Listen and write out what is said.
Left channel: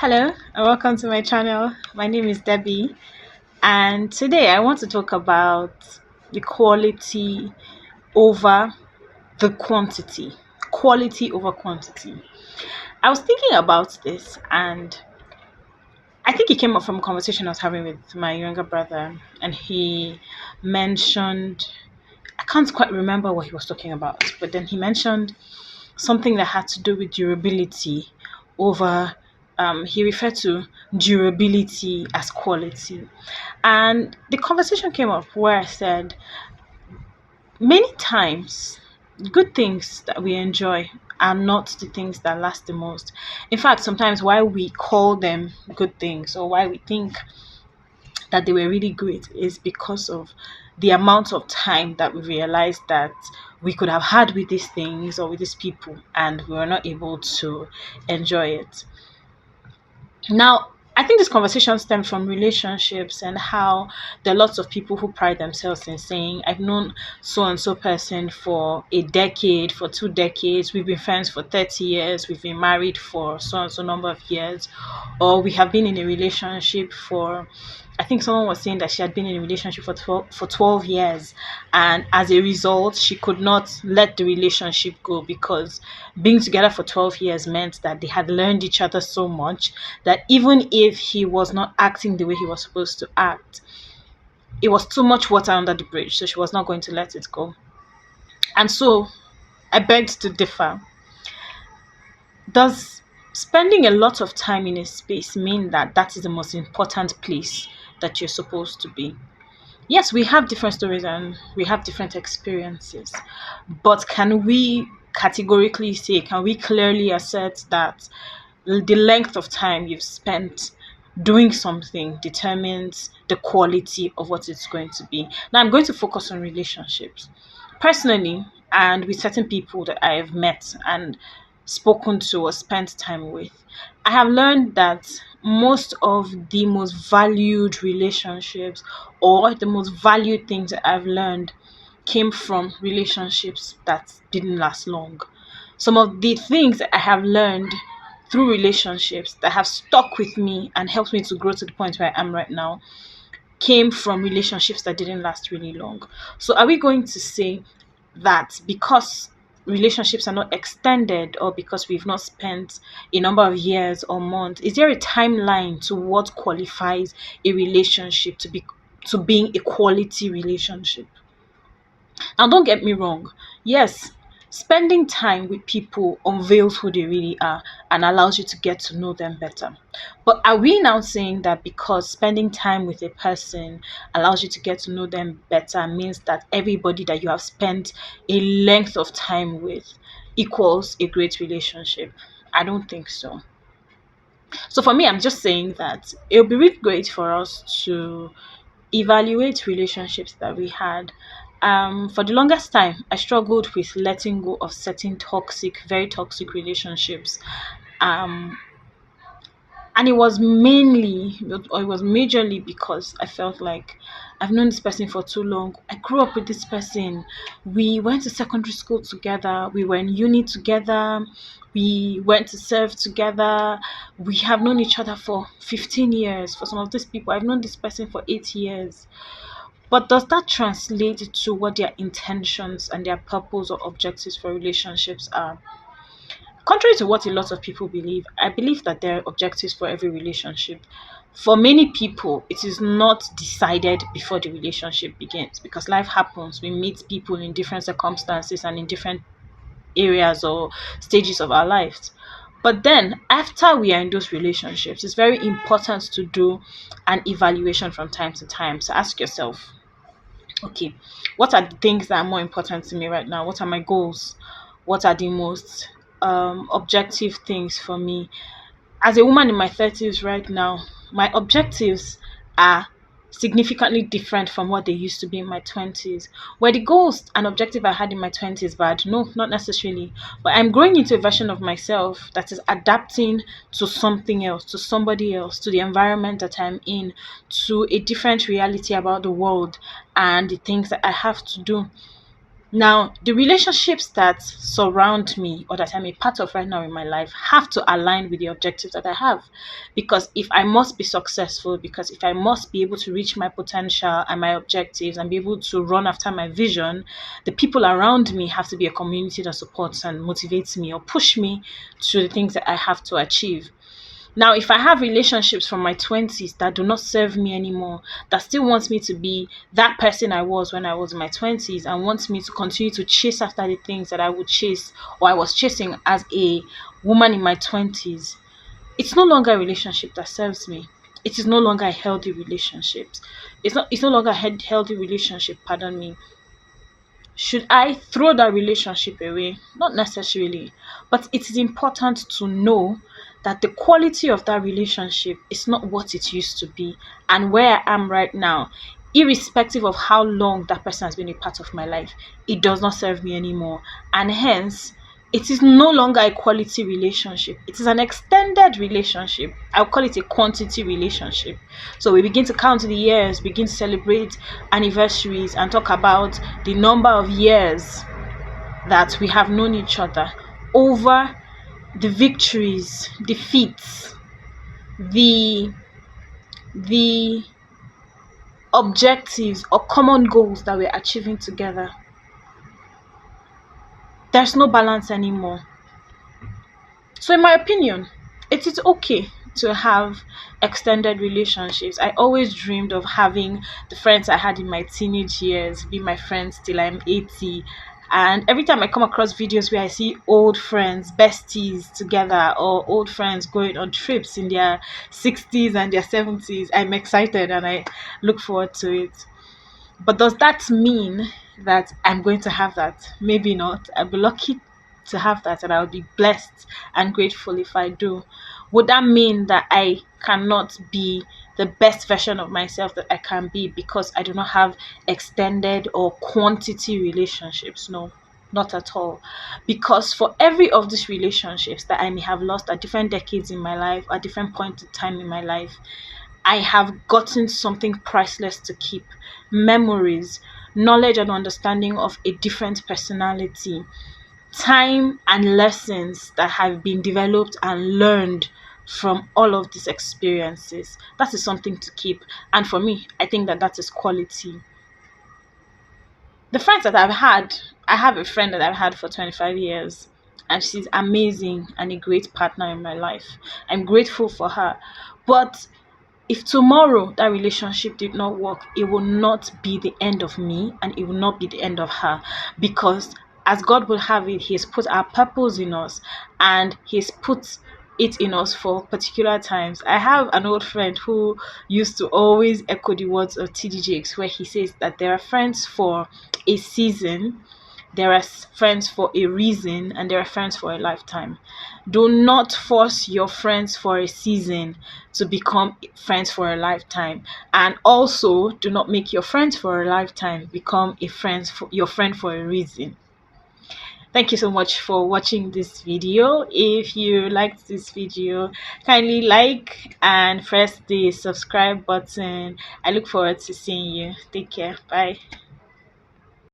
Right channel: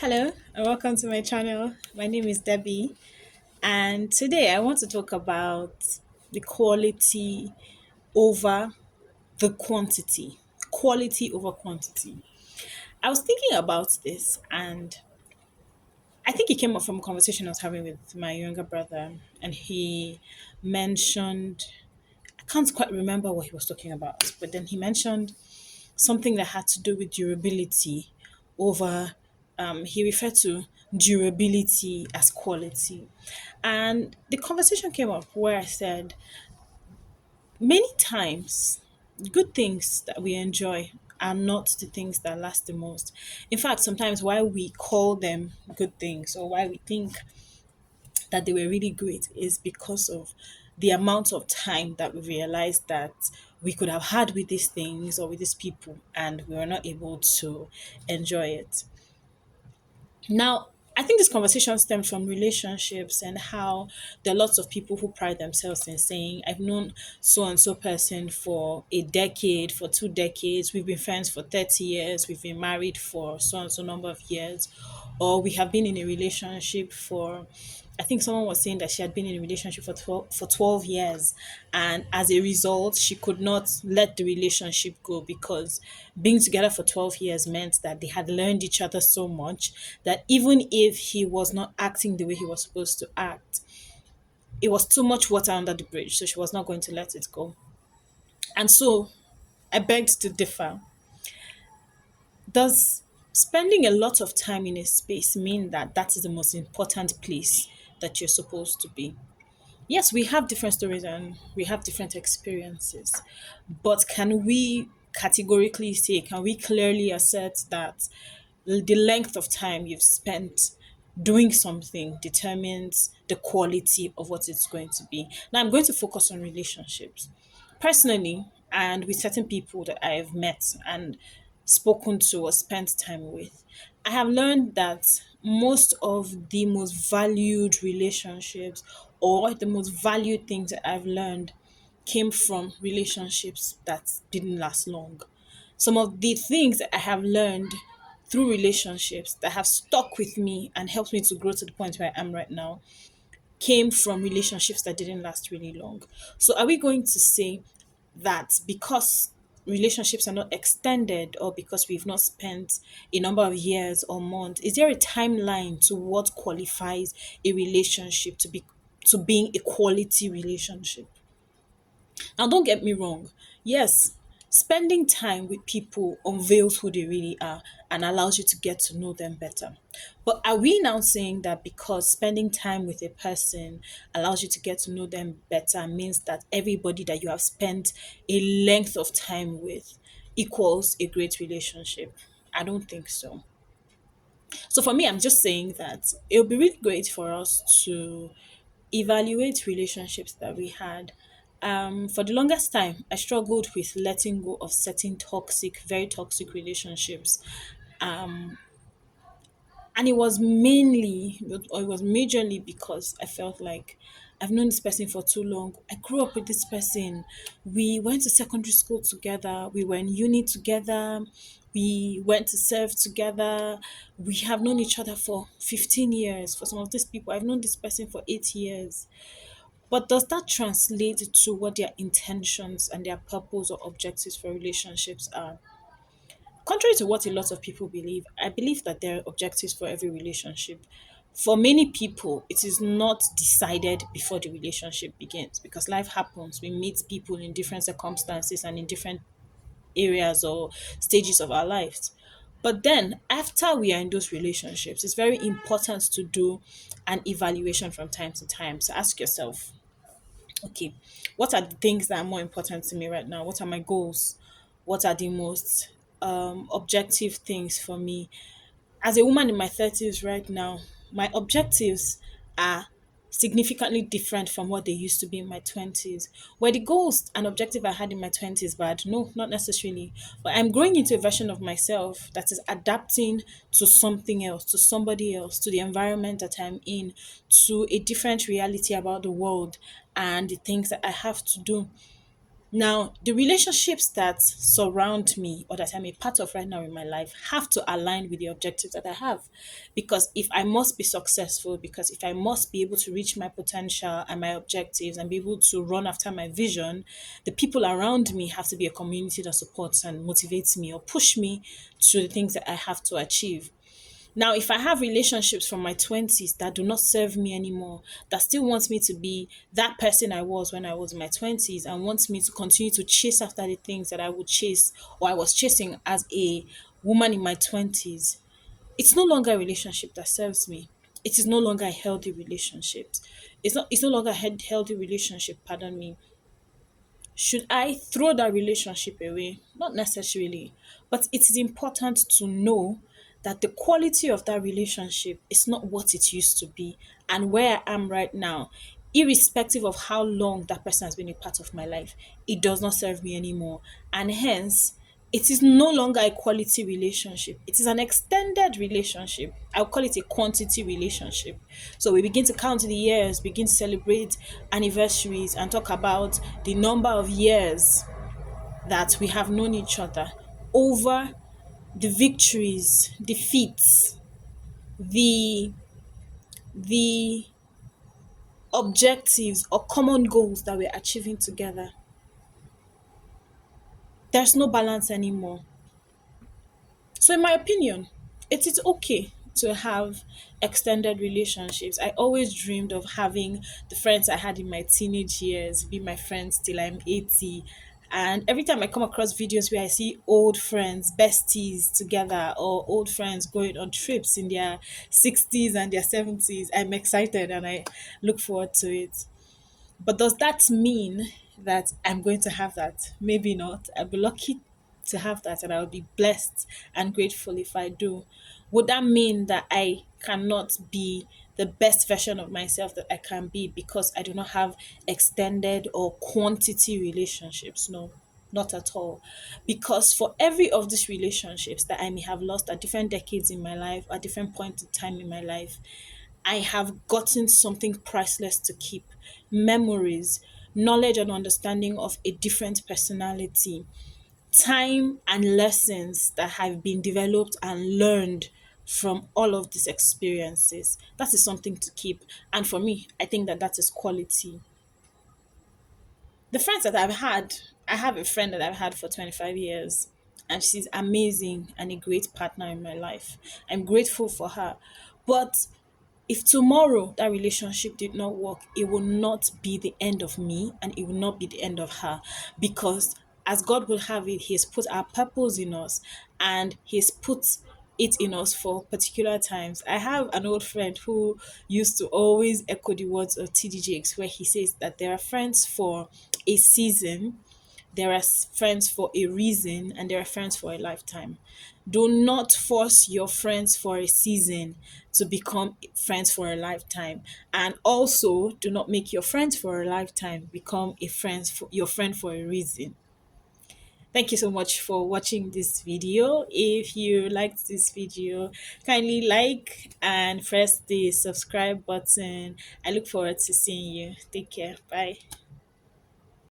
Hello and welcome to my channel. My name is Debbie, and today I want to talk about the quality over the quantity. Quality over quantity. I was thinking about this, and I think it came up from a conversation I was having with my younger brother, and he mentioned, I can't quite remember what he was talking about, but then he mentioned something that had to do with durability over he referred to durability as quality. And the conversation came up where I said many times good things that we enjoy are not the things that last the most. In fact, sometimes why we call them good things or why we think that they were really great is because of the amount of time that we realized that we could have had with these things or with these people and we were not able to enjoy it. Now, I think this conversation stemmed from relationships and how there are lots of people who pride themselves in saying, I've known so and so person for a decade, for 2 decades, we've been friends for 30 years, we've been married for so and so number of years, or we have been in a relationship for I think someone was saying that she had been in a relationship for 12 years, and as a result she could not let the relationship go because being together for 12 years meant that they had learned each other so much that even if he was not acting the way he was supposed to act, it was too much water under the bridge, so she was not going to let it go. And so I begged to differ. Does spending a lot of time in a space mean that that is the most important place that you're supposed to be? Yes, we have different stories and we have different experiences, but can we categorically say, can we clearly assert that the length of time you've spent doing something determines the quality of what it's going to be? Now, I'm going to focus on relationships. Personally, and with certain people that I have met and spoken to or spent time with, I have learned that most of the most valued relationships or the most valued things that I've learned came from relationships that didn't last long. Some of the things that I have learned through relationships that have stuck with me and helped me to grow to the point where I am right now came from relationships that didn't last really long. So, are we going to say that because relationships are not extended or because we've not spent a number of years or months, is there a timeline to what qualifies a relationship to being a quality relationship? Now, don't get me wrong. Yes, spending time with people unveils who they really are and allows you to get to know them better. But are we now saying that because spending time with a person allows you to get to know them better means that everybody that you have spent a length of time with equals a great relationship? I don't think so. So for me, I'm just saying that it would be really great for us to evaluate relationships that we had. For the longest time, I struggled with letting go of certain toxic, very toxic relationships. Um, and it was majorly because I felt like I've known this person for too long. I grew up with this person. We went to secondary school together. We were in uni together. We went to serve together. We have known each other for 15 years. For some of these people, I've known this person for 8 years. But does that translate to what their intentions and their purpose or objectives for relationships are? Contrary to what a lot of people believe, I believe that there are objectives for every relationship. For many people, it is not decided before the relationship begins because life happens. We meet people in different circumstances and in different areas or stages of our lives. But then, after we are in those relationships, it's very important to do an evaluation from time to time. So ask yourself, okay, what are the things that are more important to me right now? What are my goals? What are the most objective things for me? As a woman in my 30s right now, my objectives are significantly different from what they used to be in my 20s. Were the goals and objective I had in my 20s bad? No, not necessarily. But I'm growing into a version of myself that is adapting to something else, to somebody else, to the environment that I'm in, to a different reality about the world and the things that I have to do. Now, the relationships that surround me or that I'm a part of right now in my life have to align with the objectives that I have. Because if I must be successful, because if I must be able to reach my potential and my objectives and be able to run after my vision, the people around me have to be a community that supports and motivates me or push me to the things that I have to achieve. Now, if I have relationships from my 20s that do not serve me anymore, that still wants me to be that person I was when I was in my 20s and wants me to continue to chase after the things that I would chase or I was chasing as a woman in my 20s, it's no longer a relationship that serves me. It is no longer a healthy relationship. It's no longer a healthy relationship, pardon me. Should I throw that relationship away? Not necessarily, but it is important to know that the quality of that relationship is not what it used to be. And where I am right now, irrespective of how long that person has been a part of my life, it does not serve me anymore. And hence, it is no longer a quality relationship. It is an extended relationship. I'll call it a quantity relationship. So we begin to count the years, begin to celebrate anniversaries, and talk about the number of years that we have known each other over the victories, defeats, the the objectives or common goals that we're achieving together. There's no balance anymore. So, in my opinion, it is okay to have extended relationships. I always dreamed of having the friends I had in my teenage years be my friends till I'm 80. And every time I come across videos where I see old friends, besties together, or old friends going on trips in their 60s and their 70s, I'm excited and I look forward to it. But does that mean that I'm going to have that? Maybe not. I'll be lucky to have that and I'll be blessed and grateful if I do. Would that mean that I cannot be the best version of myself that I can be because I do not have extended or quantity relationships? No, not at all. Because for every of these relationships that I may have lost at different decades in my life, at different points in time in my life, I have gotten something priceless to keep, memories, knowledge and understanding of a different personality, time and lessons that have been developed and learned from all of these experiences. That is something to keep. And for me, I think that that is quality. The friends that I've had, I have a friend that I've had for 25 years, and she's amazing and a great partner in my life. I'm grateful for her. But if tomorrow that relationship did not work, it will not be the end of me and it will not be the end of her, because as God will have it, He has put our purpose in us and He's put it in us for particular times. I have an old friend who used to always echo the words of TD Jakes, where he says that there are friends for a season, there are friends for a reason, and there are friends for a lifetime. Do not force your friends for a season to become friends for a lifetime. And also, do not make your friends for a lifetime become your friend for a reason. Thank you so much for watching this video. If you liked this video, kindly like and press the subscribe button. I look forward to seeing you. Take care. Bye.